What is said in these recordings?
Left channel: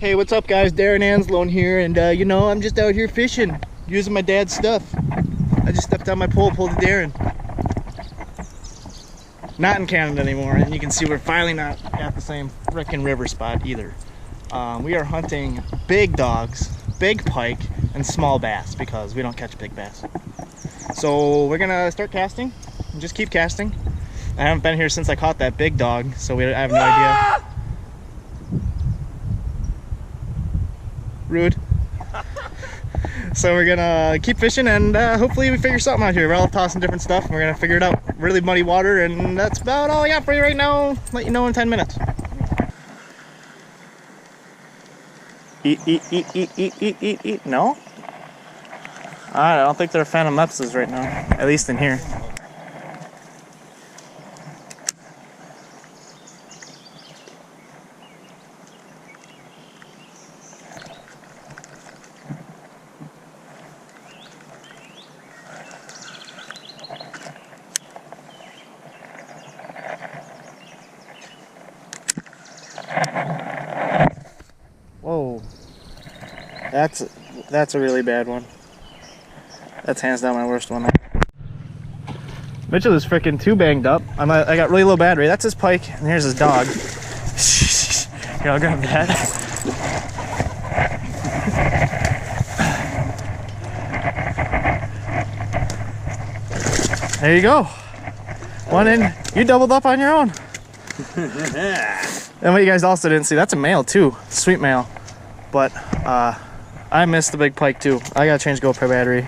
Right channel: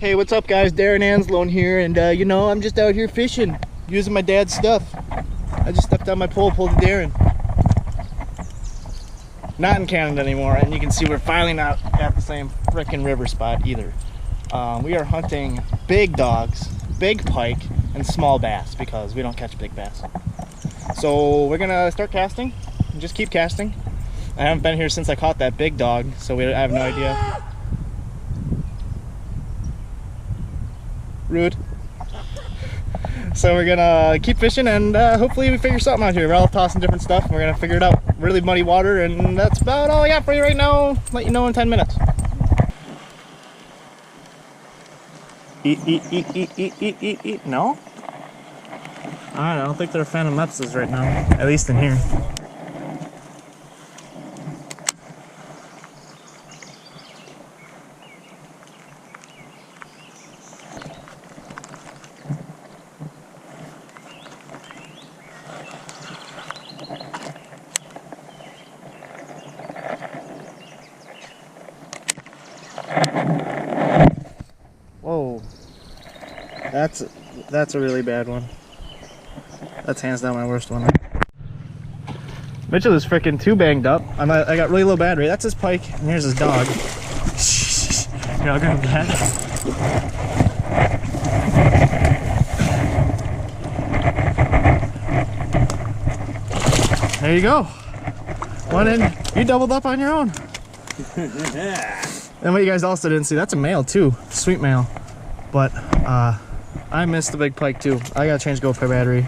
Hey, what's up guys? Darren Anslone here, and you know, I'm just out here fishing, using my dad's stuff. I just stepped on my pole, pulled a Darren. Not in Canada anymore, and you can see we're finally not at the same frickin' river spot either. We are hunting big dogs, big pike, and small bass because we don't catch big bass. So we're gonna start casting and just keep casting. I haven't been here since I caught that big dog, so I have no idea. Rude. So we're gonna keep fishing and hopefully we figure something out here. We're all tossing different stuff and we're gonna figure it out. Really muddy water, and that's about all I got for you right now. Let you know in 10 minutes. Eat, eat, eat, eat, eat, eat, eat, eat. No? I don't think they're Phantom Lepses right now, at least in here. Whoa, that's a really bad one. That's hands down my worst one. Mitchell is freaking too banged up. I got really low battery. That's his pike, and here's his dog. Here, I'll grab that. There you go. One in. You doubled up on your own. And what you guys also didn't see, that's a male too, sweet male. But I missed the big pike too. I gotta change GoPro battery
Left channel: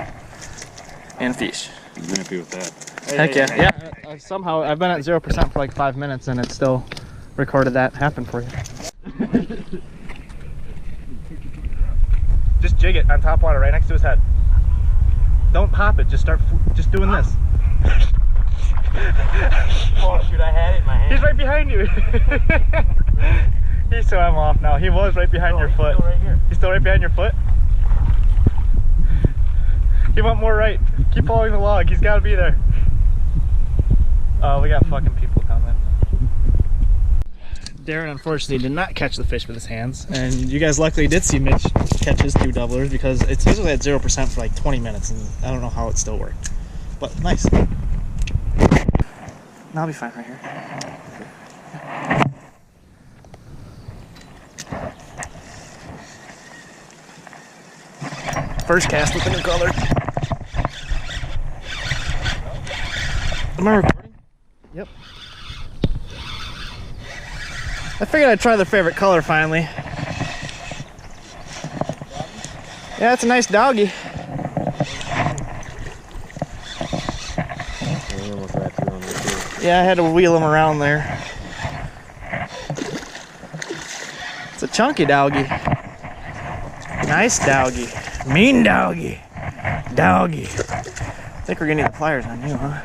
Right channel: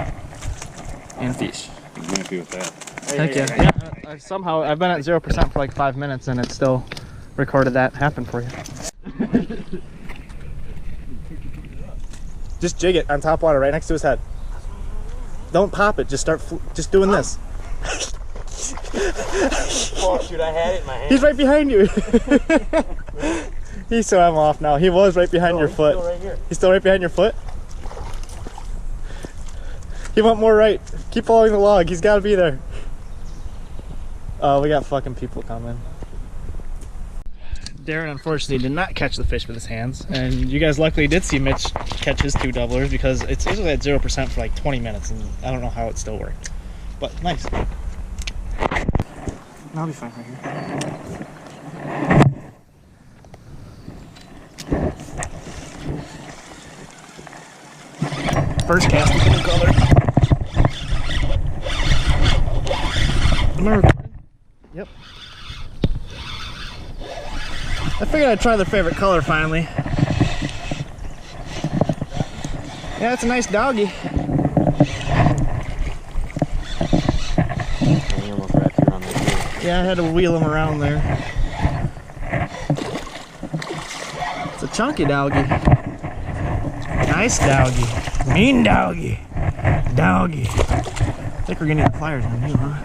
and fish. I'm happy with that. Heck yeah. Yeah, somehow I've been at 0% for like 5 minutes and it still recorded that happen for you. Just jig it on top water right next to his head. Don't pop it, just start just doing this. Oh shoot, I had it in my hand. He's right behind you. So I'm off now. He was right behind your foot. Still right here. He's still right behind your foot? He went more right. Keep following the log. He's got to be there. Oh, we got fucking people coming. Darren unfortunately did not catch the fish with his hands, and you guys luckily did see Mitch catch his 2 doublers because it's usually at 0% for like 20 minutes, and I don't know how it still worked. But nice. I'll be fine right here. First cast with a new color. Am I recording? Yep. I figured I'd try their favorite color finally. Yeah, it's a nice doggy. He almost wrapped you around there too. Yeah, I had to wheel him around there. It's a chunky doggy. Nice doggy. Mean doggy. Doggy. I think we're gonna need the pliers on you, huh?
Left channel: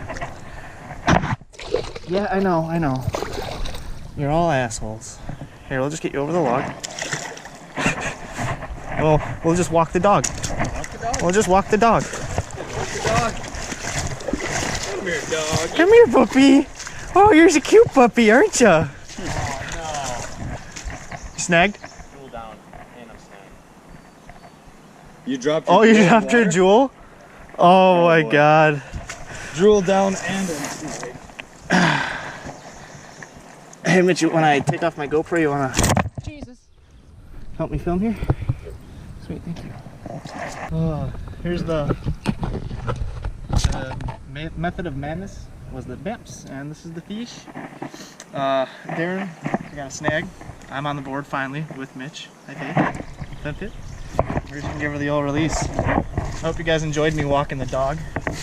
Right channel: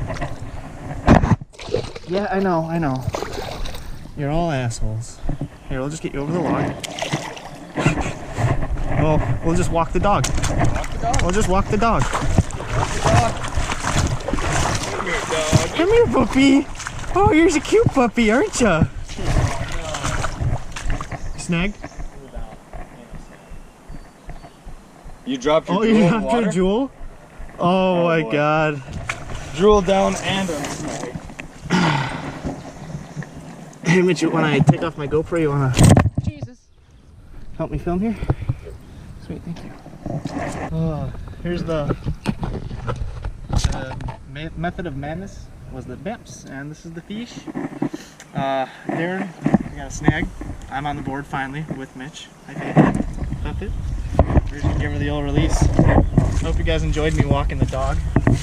Yeah, I know. You're all assholes. Here, we'll just get you over the log. And we'll just walk the dog. Walk the dog. We'll just walk the dog. Walk the dog. Come here, dog. Come here, puppy. Oh, you're a cute puppy, aren't you? Oh, no. You snagged? Jewel down, and I'm snagged. You dropped your Oh, you jewel in dropped your water? jewel? Oh my boy. god. Jewel down and I'm snagged. Hey Mitch, when I take off my GoPro, you wanna help me film here? Sweet, thank you. Here's the method of madness was the bimps, and this is the fish. Darren, we got a snag. I'm on the board finally with Mitch. Hi Faith. What's up, Faith? We're just gonna give her the old release. I hope you guys enjoyed me walking the dog.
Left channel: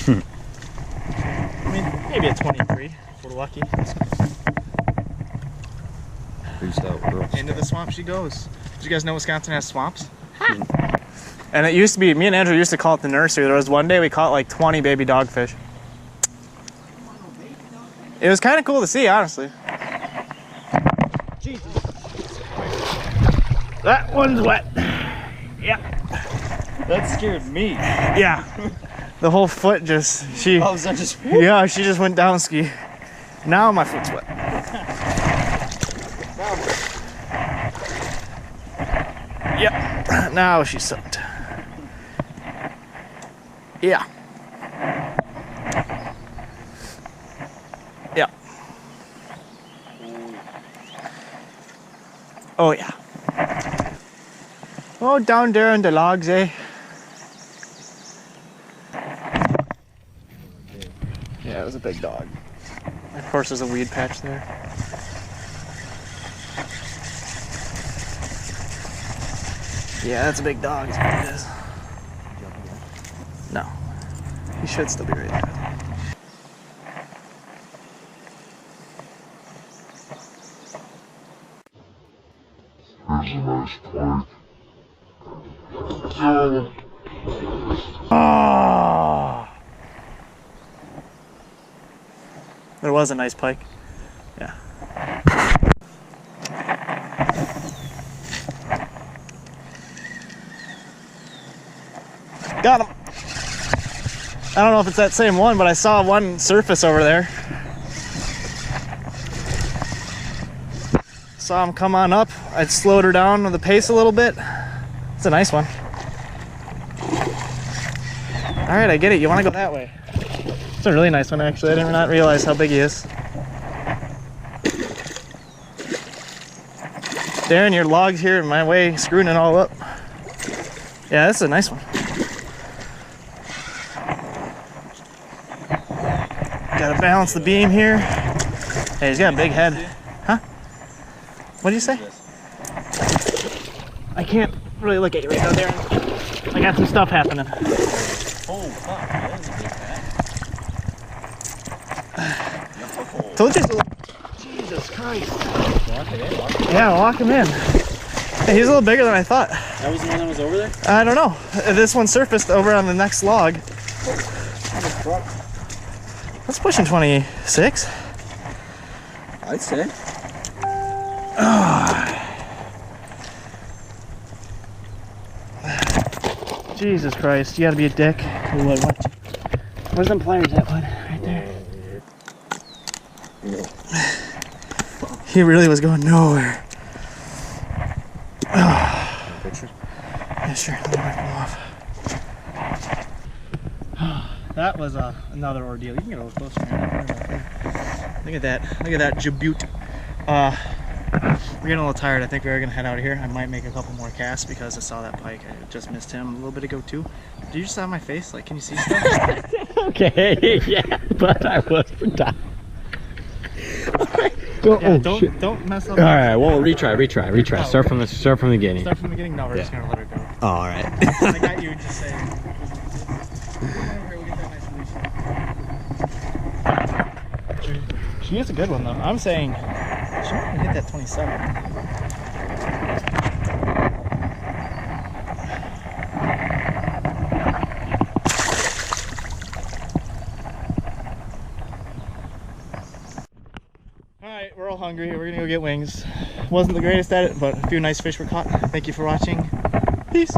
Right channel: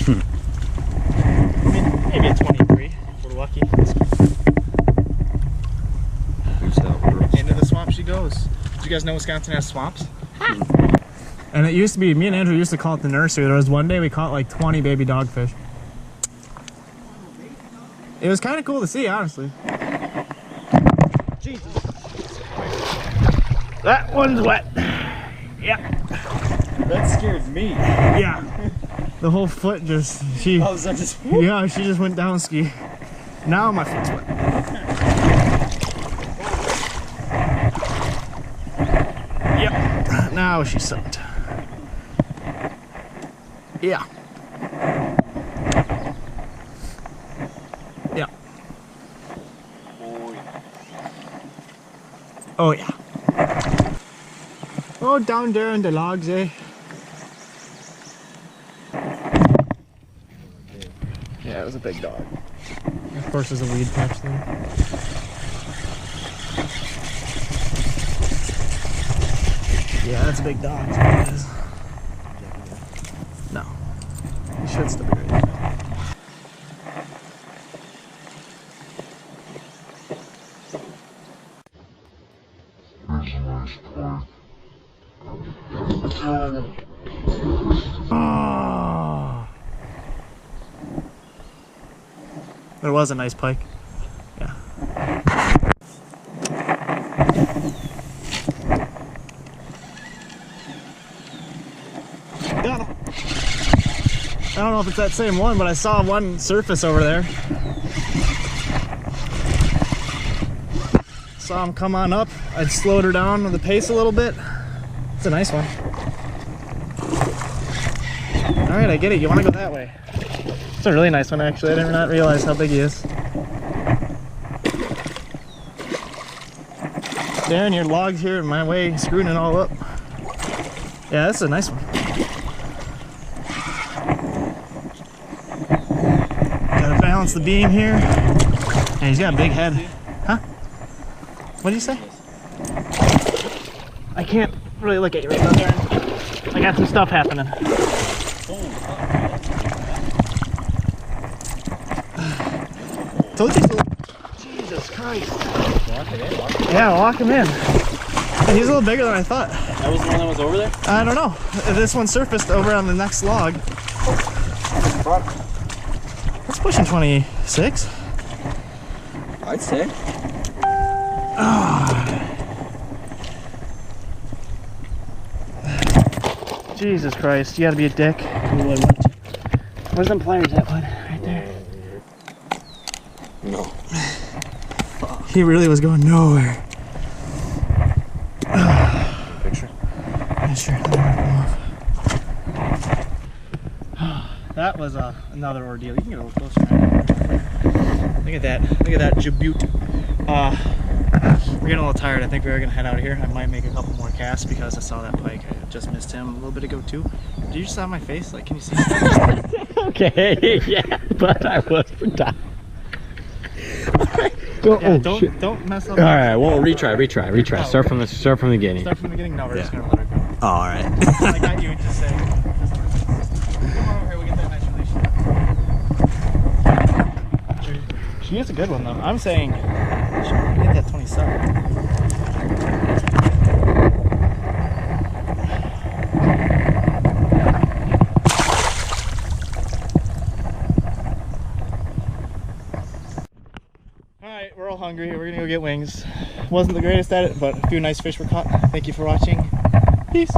I mean, maybe a 23 if we're lucky. Who's that world? Into the swamp she goes. Did you guys know Wisconsin has swamps? And it used to be, me and Andrew used to call it the nursery. There was one day we caught like 20 baby dogfish. It was kind of cool to see, honestly. Jesus. That one's wet. Yep. That scared me. Yeah. The whole foot just, Oh, is that just... yeah, she just went down ski. Now my foot's wet. Yep. Now she's soaked. Yeah. Yeah. Oh yeah. Oh, down there in the logs, eh? Yeah, it was a big dog. Of course, there's a weed patch there. Yeah, that's a big dog. Is what it is. No, he should still be right there. Here's a nice pike. Oh! There was a nice pike. Yeah. Got him. I don't know if it's that same one, but I saw one surface over there. Saw him come on up. I slowed her down with the pace a little bit. It's a nice one. All right, I get it. You want to go that way. It's a really nice one, actually. I did not realize how big he is. Darren, your log's here in my way, screwing it all up. Yeah, this is a nice one. Gotta balance the beam here. Hey, he's got a big head. Huh? What did you say? I can't really look at you right now, Darren. I got some stuff happening. Oh, fuck. That is a big fat. Told you so. Jesus Christ. Walk it in, walk it in. Yeah, walk him in. Hey, he's a little bigger than I thought. That was the one that was over there? I don't know. This one surfaced over on the next log. That's pushing 26. I'd say. Jesus Christ, you gotta be a dick. Where's them pliers at, bud? Right there. No. He really was going nowhere. Picture? Yeah, sure. Let me wipe him off. That was another ordeal. You can get a little closer, man. Look at that. Look at that Djibouti. We're getting a little tired. I think we're gonna head out of here. I might make a couple more casts because I saw that pike. I just missed him a little bit ago too. Did you just have my face? Like, can you see stuff? Okay, yeah, but I was for time. Yeah, don't mess up. All right, well, retry. Start from the beginning. Start from the beginning. No, we're just gonna let her go. Oh, all right. I got you and just say. Come on over here. We'll get that nice release shot. She is a good one though. I'm saying she might hit that 27. Alright, we're all hungry. We're gonna go get wings. Wasn't the greatest at it, but a few nice fish were caught. Thank you for watching. Peace.